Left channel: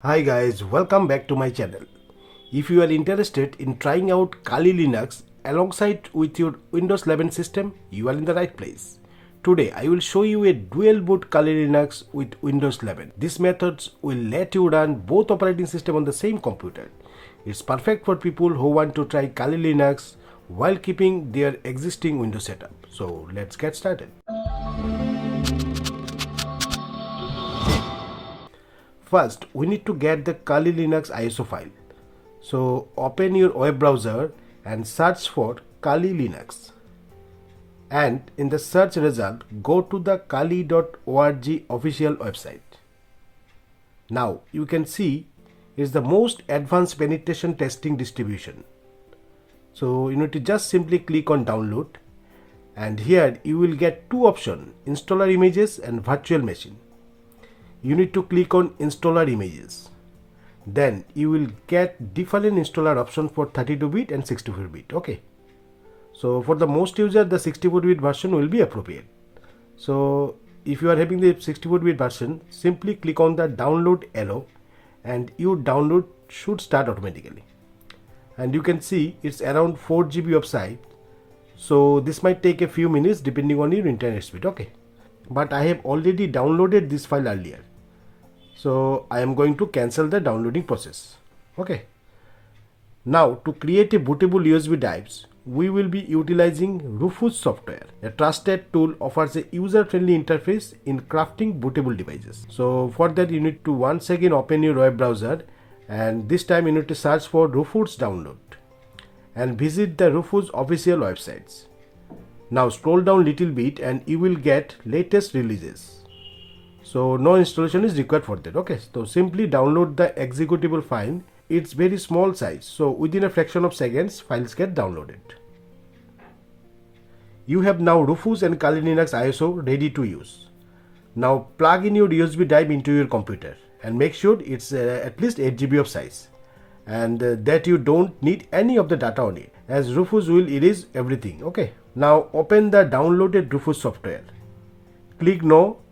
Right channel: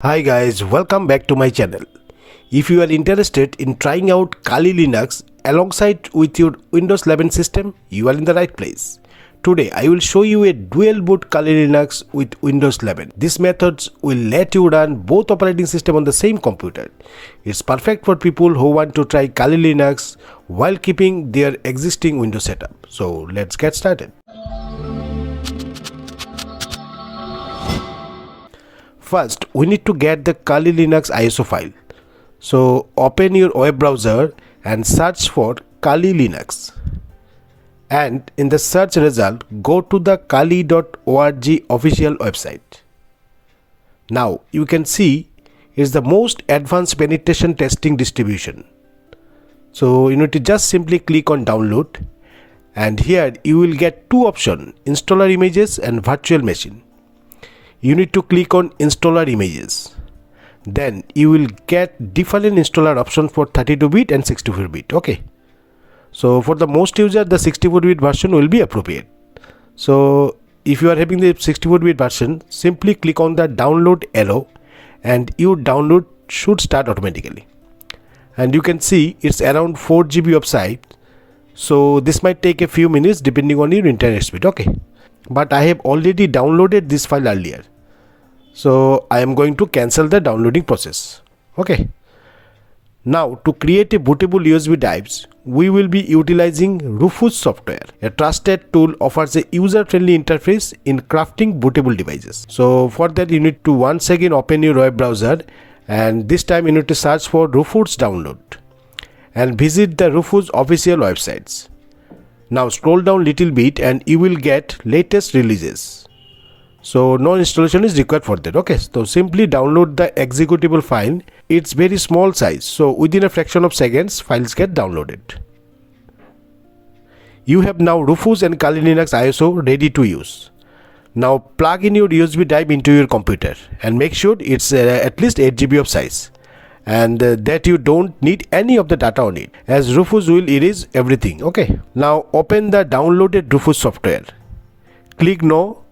Hi guys, welcome back to my channel. If you are interested in trying out Kali Linux alongside with your Windows 11 system, you are in the right place. Today I will show you a dual boot Kali Linux with Windows 11. These methods will let you run both operating systems on the same computer. It's perfect for people who want to try Kali Linux while keeping their existing Windows setup. So let's get started. First, we need to get the Kali Linux ISO file. So open your web browser and search for Kali Linux. And in the search result, go to the kali.org official website. Now you can see it's the most advanced penetration testing distribution. So you need to just simply click on download, and here you will get two options: installer images and virtual machine. You need to click on installer images. Then you will get different installer options for 32-bit and 64-bit. Okay. So for the most user, the 64-bit version will be appropriate. So if you are having the 64-bit version, simply click on the download arrow and your download should start automatically. And you can see it's around 4 GB of size. So this might take a few minutes depending on your internet speed. Okay. But I have already downloaded this file earlier, so I am going to cancel the downloading process. Okay. Now to create a bootable USB drives, we will be utilizing Rufus software. A trusted tool offers a user-friendly interface in crafting bootable devices. So for that you need to once again open your web browser, and this time you need to search for Rufus download and visit the Rufus official websites. Now scroll down little bit and you will get latest releases. So no installation is required for that. Okay, so simply download the executable file. It's very small size, so within a fraction of seconds files get downloaded. You have now Rufus and Kali Linux ISO ready to use. Now plug in your USB drive into your computer and make sure it's at least 8 GB of size, and that you don't need any of the data on it, as Rufus will erase everything. Okay. Now open the downloaded Rufus software. Click no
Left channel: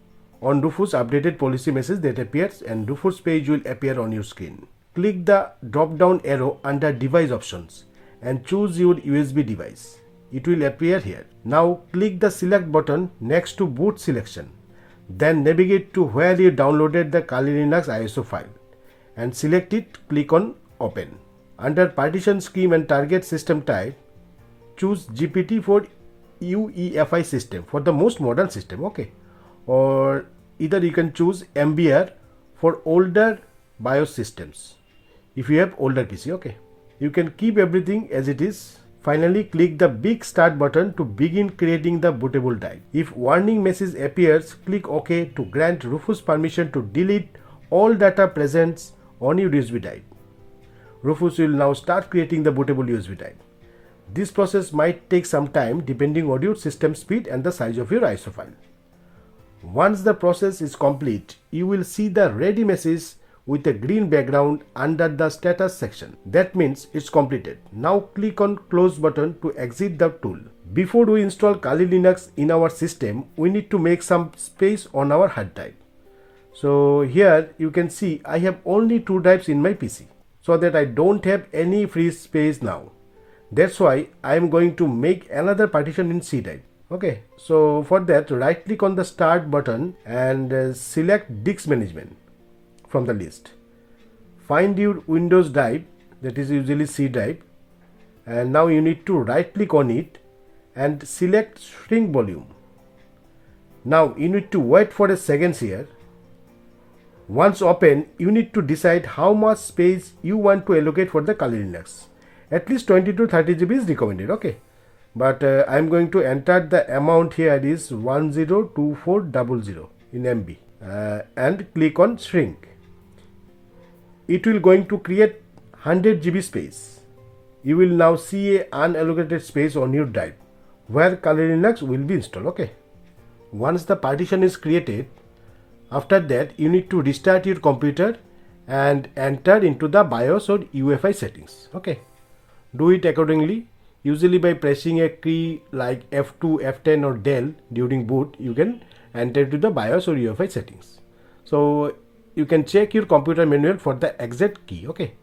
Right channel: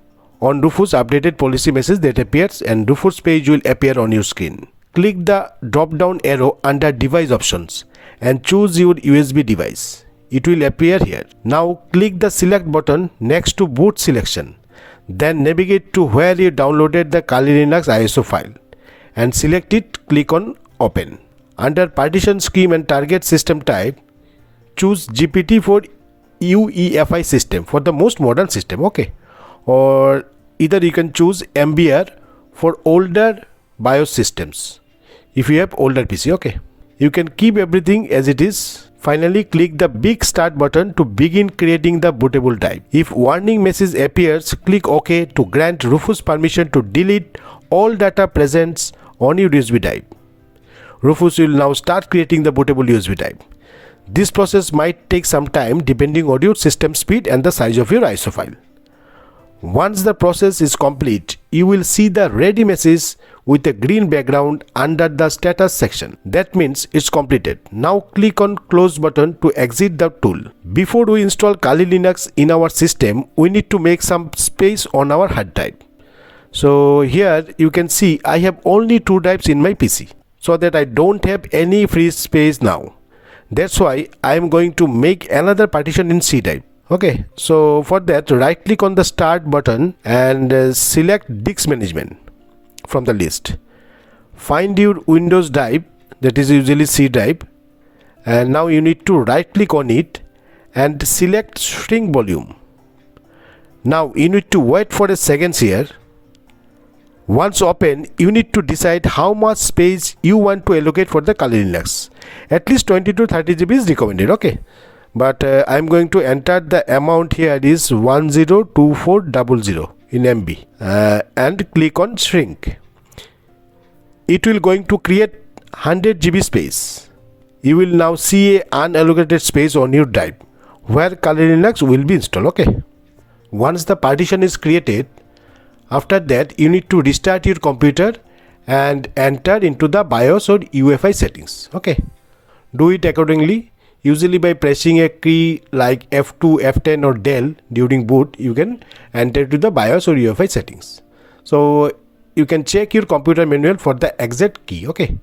on Rufus updated policy message that appears, and Rufus page will appear on your screen. Click the drop down arrow under device options and choose your USB device. It will appear here. Now click the select button next to boot selection. Then navigate to where you downloaded the Kali Linux ISO file and select it. Click on open. Under partition scheme and target system type, choose GPT for UEFI system for the most modern system. Okay. Or either you can choose MBR for older BIOS systems if you have older PC. Okay. You can keep everything as it is. Finally click the big start button to begin creating the bootable drive. If warning message appears, click OK to grant Rufus permission to delete all data present on your USB drive. Rufus will now start creating the bootable USB drive. This process might take some time depending on your system speed and the size of your ISO file. Once the process is complete, you will see the ready message with a green background under the status section. That means it's completed. Now click on close button to exit the tool. Before we install Kali Linux in our system, we need to make some space on our hard drive. So here you can see I have only 2 drives in my PC, so that I don't have any free space now. That's why I am going to make another partition in C drive. Okay, so for that right click on the start button and select disk management from the list. Find your Windows drive, that is usually C drive, and now you need to right click on it and select shrink volume. Now you need to wait for a second here. Once open, you need to decide how much space you want to allocate for the Kali Linux. At least 20 to 30 GB is recommended. Okay, but I am going to enter the amount here is 102400 in MB and click on shrink. It will going to create 100 GB space. You will now see a unallocated space on your drive where Kali Linux will be installed. Okay. Once the partition is created, after that you need to restart your computer and enter into the BIOS or UEFI settings. Okay. Do it accordingly. Usually by pressing a key like F2, F10 or Del during boot, you can enter to the BIOS or UEFI settings. So you can check your computer manual for the exit key, okay.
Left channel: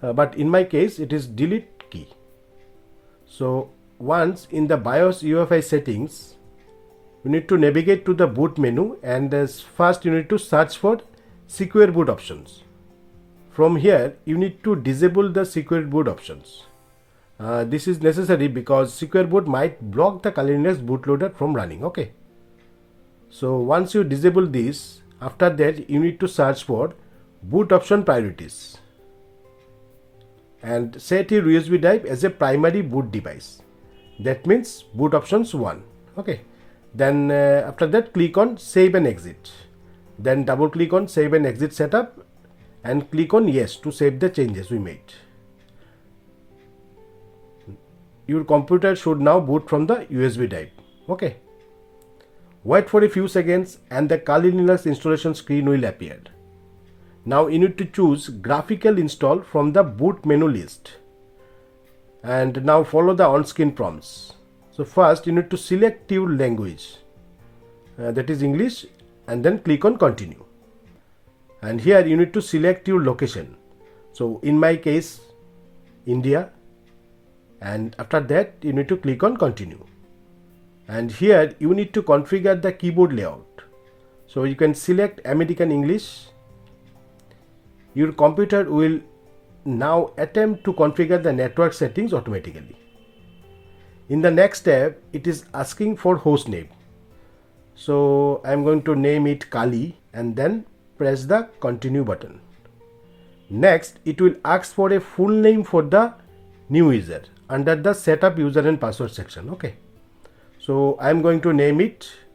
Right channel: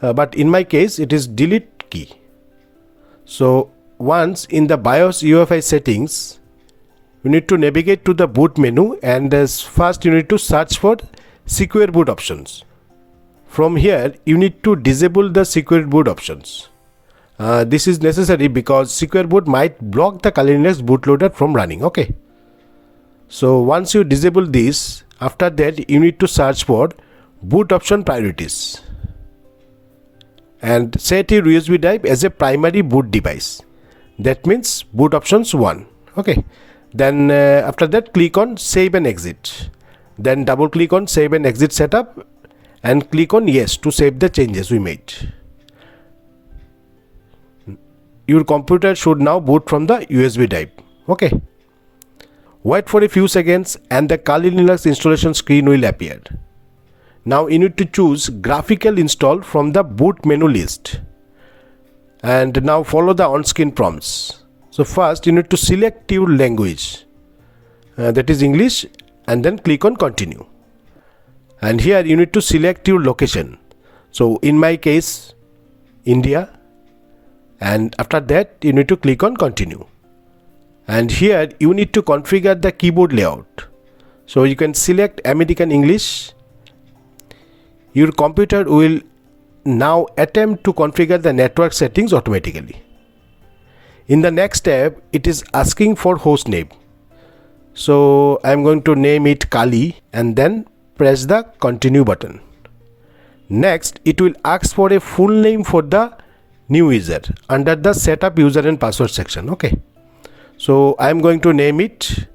But in my case it is delete key. So once in the BIOS UEFI settings, you need to navigate to the boot menu, and first you need to search for secure boot options. From here you need to disable the secure boot options. This is necessary because secure boot might block the Kali Linux bootloader from running, okay. So once you disable this, after that you need to search for boot option priorities and set your USB drive as a primary boot device. That means boot options 1, okay. Then after that click on save and exit. Then double click on save and exit setup and click on yes to save the changes we made. Your computer should now boot from the USB drive, okay. Wait for a few seconds and the Kali Linux installation screen will appear. Now you need to choose graphical install from the boot menu list. And now follow the on-screen prompts. So first you need to select your language, that is English, and then click on continue. And here you need to select your location. So in my case, India. And after that you need to click on continue. And here you need to configure the keyboard layout. So you can select American English. Your computer will now attempt to configure the network settings automatically. In the next tab, it is asking for host name. So I am going to name it Kali and then press the continue button. Next, it will ask for a full name for the new user under the setup user and password section, okay. So I am going to name it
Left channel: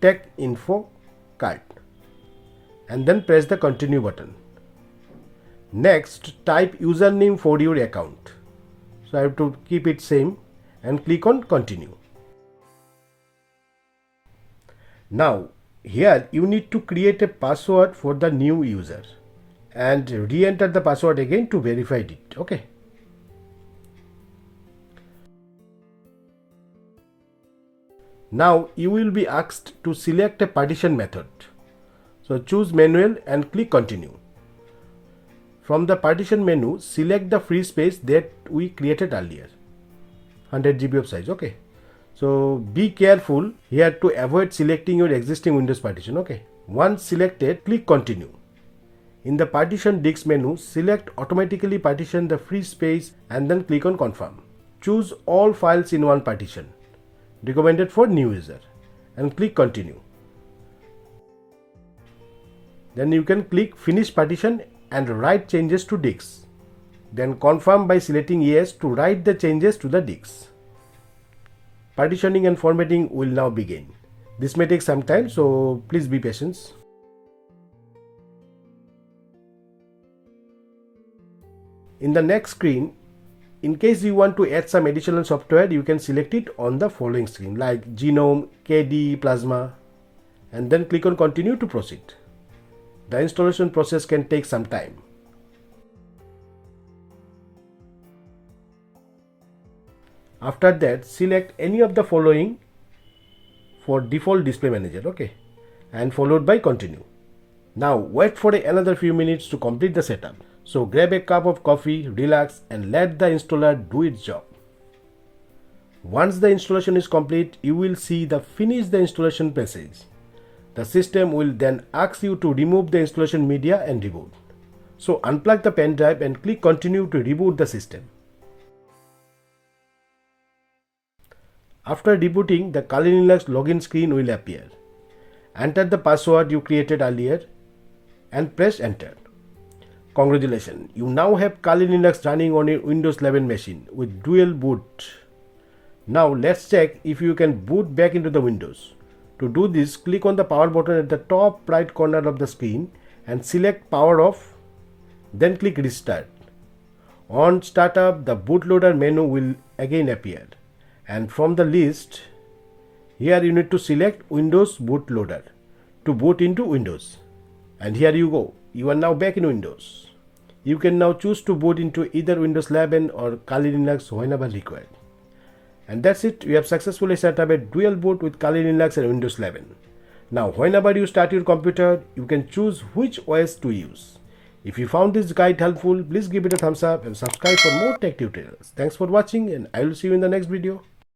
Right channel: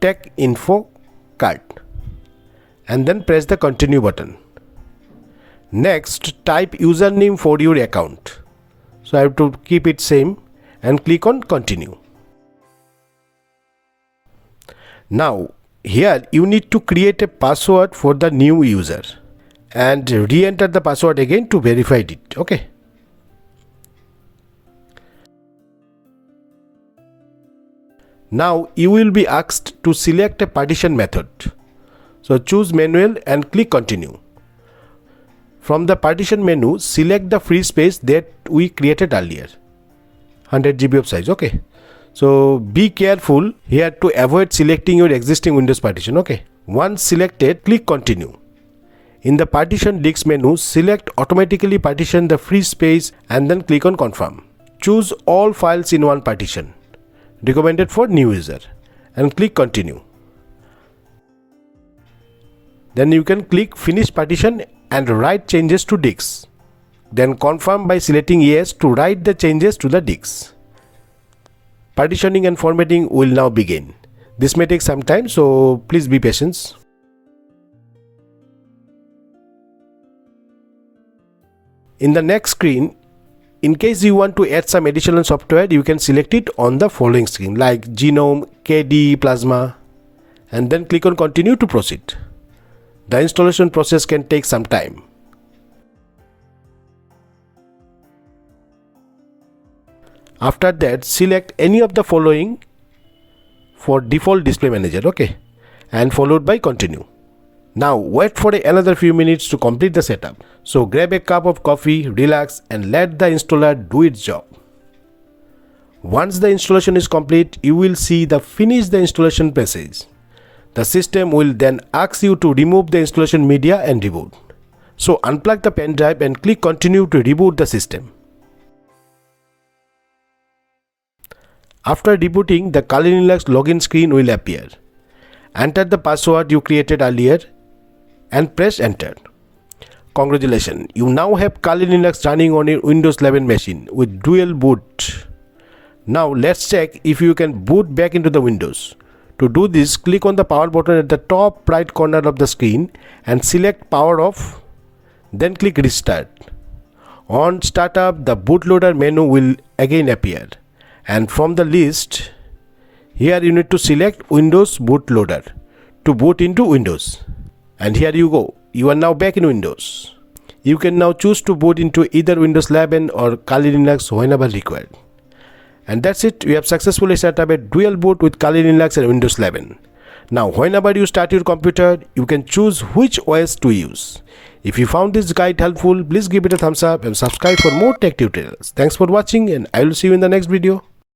Tech Infokart and then press the continue button. Next, type username for your account. So I have to keep it same and click on continue. Now here you need to create a password for the new user and re-enter the password again to verify it, okay. Now you will be asked to select a partition method. So choose manual and click continue. From the partition menu, select the free space that we created earlier, 100 GB of size, okay. So be careful here to avoid selecting your existing Windows partition, okay. Once selected, click continue. In the partition disk menu, select automatically partition the free space and then click on confirm. Choose all files in one partition, recommended for new user, and click continue. Then you can click finish partition and write changes to disks. Then confirm by selecting yes to write the changes to the disks. Partitioning and formatting will now begin. This may take some time, so please be patient. In the next screen, in case you want to add some additional software, you can select it on the following screen like Genome, KD, Plasma, and then click on continue to proceed. The installation process can take some time. After that, select any of the following for default display manager, okay, and followed by continue. Now wait for another few minutes to complete the setup. So grab a cup of coffee, relax, and let the installer do its job. Once the installation is complete, you will see the finish the installation message. The system will then ask you to remove the installation media and reboot. So unplug the pen drive and click continue to reboot the system. After rebooting, the Kali Linux login screen will appear. Enter the password you created earlier and press enter. Congratulations, you now have Kali Linux running on your Windows 11 machine with dual boot. Now let's check if you can boot back into the Windows. To do this, click on the power button at the top right corner of the screen and select power off, then click restart. On startup, the bootloader menu will again appear, and from the list, here you need to select Windows bootloader to boot into Windows. And here you go, you are now back in Windows. You can now choose to boot into either Windows 11 or Kali Linux whenever required. And that's it, we have successfully set up a dual boot with Kali Linux and Windows 11. Now, whenever you start your computer, you can choose which OS to use. If you found this guide helpful, please give it a thumbs up and subscribe for more tech tutorials. Thanks for watching, and I will see you in the next video.